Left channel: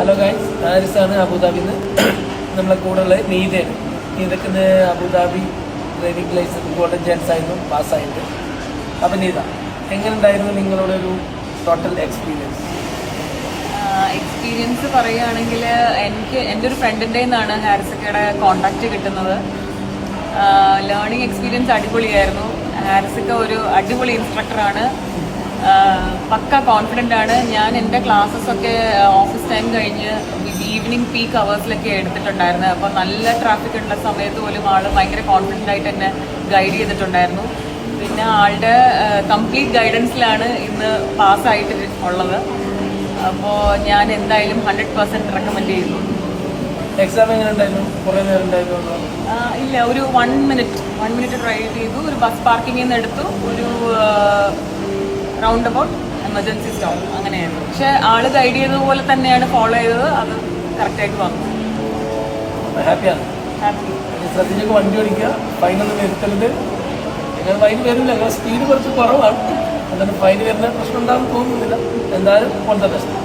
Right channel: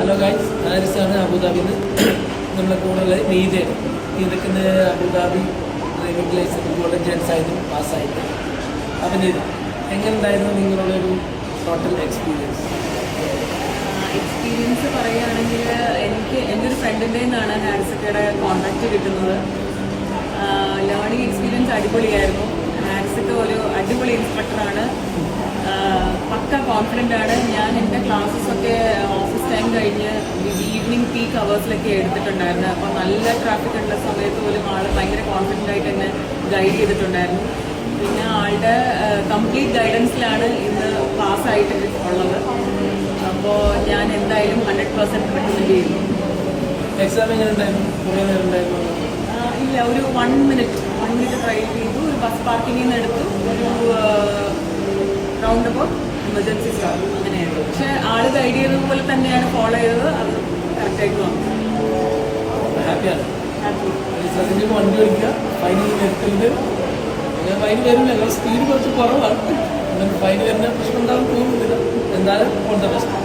Hello guys, ഹാരിസാണ് അബുദാബിയിൽ നിന്ന്. നമ്മളെ കൂടെയുള്ള നീതയാണ്. നീതക്ക് ഇന്ന് Abu Dhabi driving licence golden chance ആയിരുന്നു പാസ്സായിട്ട്. അപ്പം നീത, എങ്ങനെ ഉണ്ടായിരുന്നു നിങ്ങളുടെ ഒരു ടോട്ടൽ എക്സ്പീരിയൻസ്? എക്സ്പീരിയൻസ് പറയുകയാണെങ്കിൽ എൻ്റെ ഒരു ഫ്രണ്ടിൻ്റെ നിന്നാണ് ഹാരിസക്കയുടെ കോണ്ടാക്ട് കിട്ടുന്നത്. ലേണിംഗ് എക്സ്പീരിയൻസ് അടിപൊളിയായിരുന്നു. ഹാരിസക്ക ഒരു അടിപൊളി ഇൻസ്ട്രക്ടറാണ്. പക്ക കോൺഫിഡൻ്റ് ആണ്. ഞാൻ എൻ്റെ ക്ലാസ്സസ് ഒക്കെ ഓഫീസ് ടൈം കഴിഞ്ഞ് ഈവനിങ് പീക്ക് അവേഴ്സിലൊക്കെ എടുത്തിട്ടുണ്ടായിരുന്നത്. അപ്പോൾ നല്ല ട്രാഫിക് ഉള്ള സമയത്ത് പോലും ആൾ ഭയങ്കര കോൺഫിഡൻ്റ് ആയിട്ട് എന്നെ ഗൈഡ് ചെയ്തിട്ടുണ്ടായിരുന്നു. പിന്നെ ആളുടെ കംപ്ലീറ്റ് ഗൈഡൻസിലാണ് ഇന്ന് പാസ്സായിട്ട് ഉള്ളത്. അപ്പോൾ ഞാൻ എന്തായാലും 100% റെക്കമെൻഡ് ചെയ്യുന്നു. എക്സാം എങ്ങനെ ഉണ്ടായിരുന്നു? കുറേ നേരം ഉണ്ടായിരുന്നു? ഇല്ല, ഒരു 1 മിനിറ്റ് ഡ്രൈവ് ചെയ്തു. ഒരു ബസ് പാർക്കിങ്ങിൽ നിന്ന് എടുത്തു. ഒരു റൗണ്ട് അബൌട്ട് എമർജൻസി സ്റ്റോപ്പ് അങ്ങനെയായിരുന്നു. പക്ഷെ ആള് ഗൈഡ് ചെയ്തത് പോലെ തന്നെയാണ് ഫോളോ ചെയ്തത്. അത് കറക്റ്റായിട്ട് വന്നു. ഹാപ്പിയാണ്. ഹാപ്പി. ശ്രദ്ധിച്ചൊക്കെ വണ്ടി ഓടിക്കുക, ഫൈനൊന്നും വരുത്തരുത്. നിങ്ങൾ ഫൈൻ വരില്ല, നിങ്ങൾ സ്പീഡ് കുറച്ച് കുറവാണ്. എന്നാലും ഫൈൻ വരുന്ന പ്രശ്നം ഉണ്ടാകും തോന്നുന്നില്ല. എന്തായാലും ഓൾ ദ ബെസ്റ്റ്.